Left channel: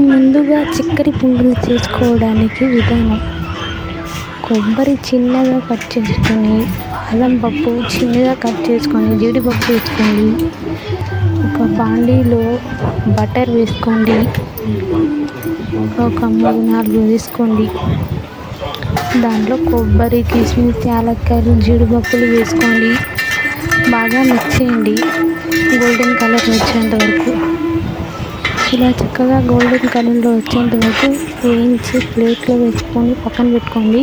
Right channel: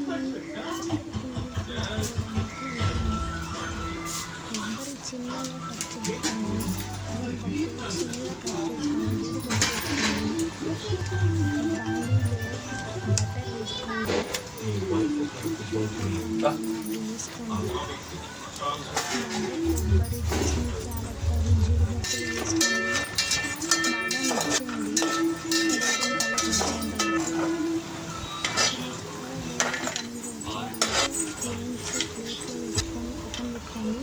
ముందుగా చక్కెర పొంగలి చేసుకోవడానికి విధానం. కొబ్బరి చిన్నగా కట్ చేసుకొని అల్లం పప్పు చిన్నగా కట్ చేసుకొని జీడిపప్పు వేసుకోండి. ఒక బాండీలో బటర్ వేసుకోండి. ఒక మూడు నాలుగు వేసుకోండి. దాంట్లో కొబ్బరి కిస్మిస్ యాలక్కాయలు జీడిపప్పులు వేసుకోండి. బాగా మిక్స్ చేయండి. గోల్డెన్ కలర్ వచ్చేంత వరకు. ఇలా చక్కగా గోల్డెన్ కలర్లో వచ్చేంత వరకు వేయించి ప్లేట్లో వేసుకొని పక్కన పెట్టుకోండి.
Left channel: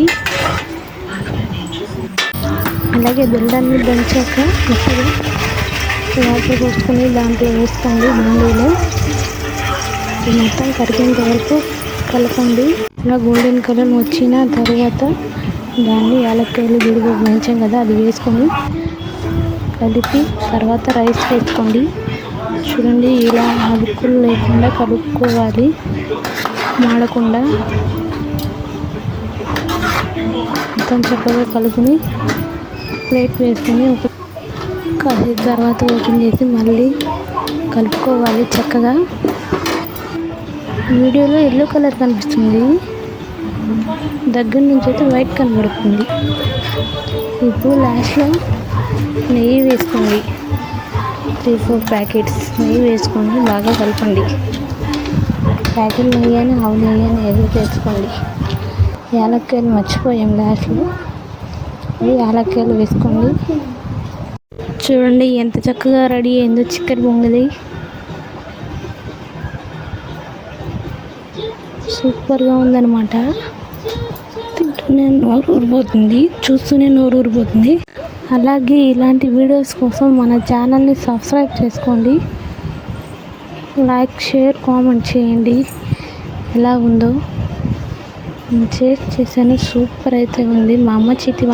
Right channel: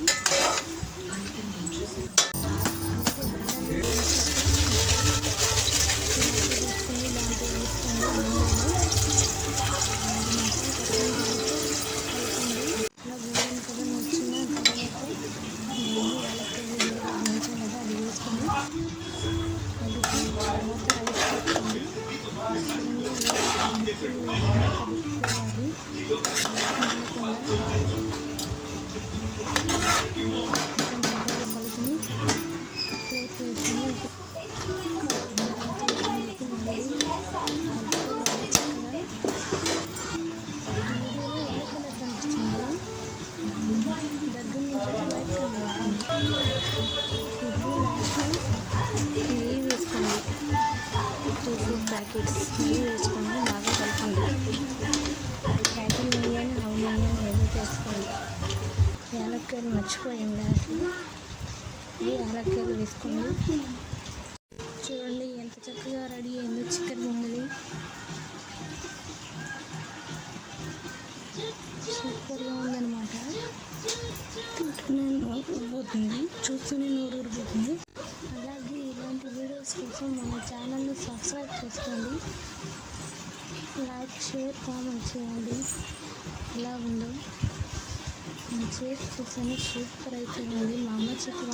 అలాగే బెల్లాన్ని దంచాక ఇప్పుడు వాటర్ పోసుకొని దాంట్లో వేసుకోండి బాండీలో. మొత్తం కరిగేంత వరకు కలపండి. ఇలా గోల్డెన్ కలర్ వచ్చిన తర్వాత దాన్ని యాలక్కాయలు జీడిపప్పు దంచాం కదా అది వేసుకొని కలిపి తర్వాత రైస్ వేసుకోండి చూడండి ఇలా అడుక్కులు లేకుండా కలుపుకోవాలి మాడకుండా మొత్తం చక్కగా కలుపుని ప్లేట్ వేసుకొని ఒక కాసేపు తర్వాత ఓపెన్ చేసి మళ్ళీ కలుపుకోవాలి చక్కగా. వీడియోలో ఎల్లో కలర్ కనిపిస్తుంది. దగ్గర నుంచి అయితే వైట్ కనబడుతుంది. ఇప్పుడు లాస్ట్లో నెయ్యి వేసుకోండి త్రీ ఫోర్ ప్యాకెట్స్ నెయ్యి వేసుకొని బాగా కలపండి. ప్యాకెట్ నెయ్యి అని ఆవు నెయ్యి అని ఏదో వేసుకోండి యాలక్కాయలు మర్చిపోయాం లాస్ట్లో ఈ యాలక్కాయలు వేసుకోండి. చూడండి ఎంత చక్కగా రెడీ అయిందో చికెన్ పొంగలి సూపర్గా ఉందన్నమాట. తింటూనే నోరు ఊరిపోతుంది చూస్తూనే నోరు ఊరిపోతుంది అలాగే ఇలాంటి వీడియోస్ కోసం మన ఛానల్ని సబ్స్క్రైబ్ చేసుకోండి. లైక్ షేర్ కామెంట్ చేయండి. ఎలా ఉందో నేను షేర్ చేశాను. సూపర్ అయితే ఉంది. మా అమ్మ చేతి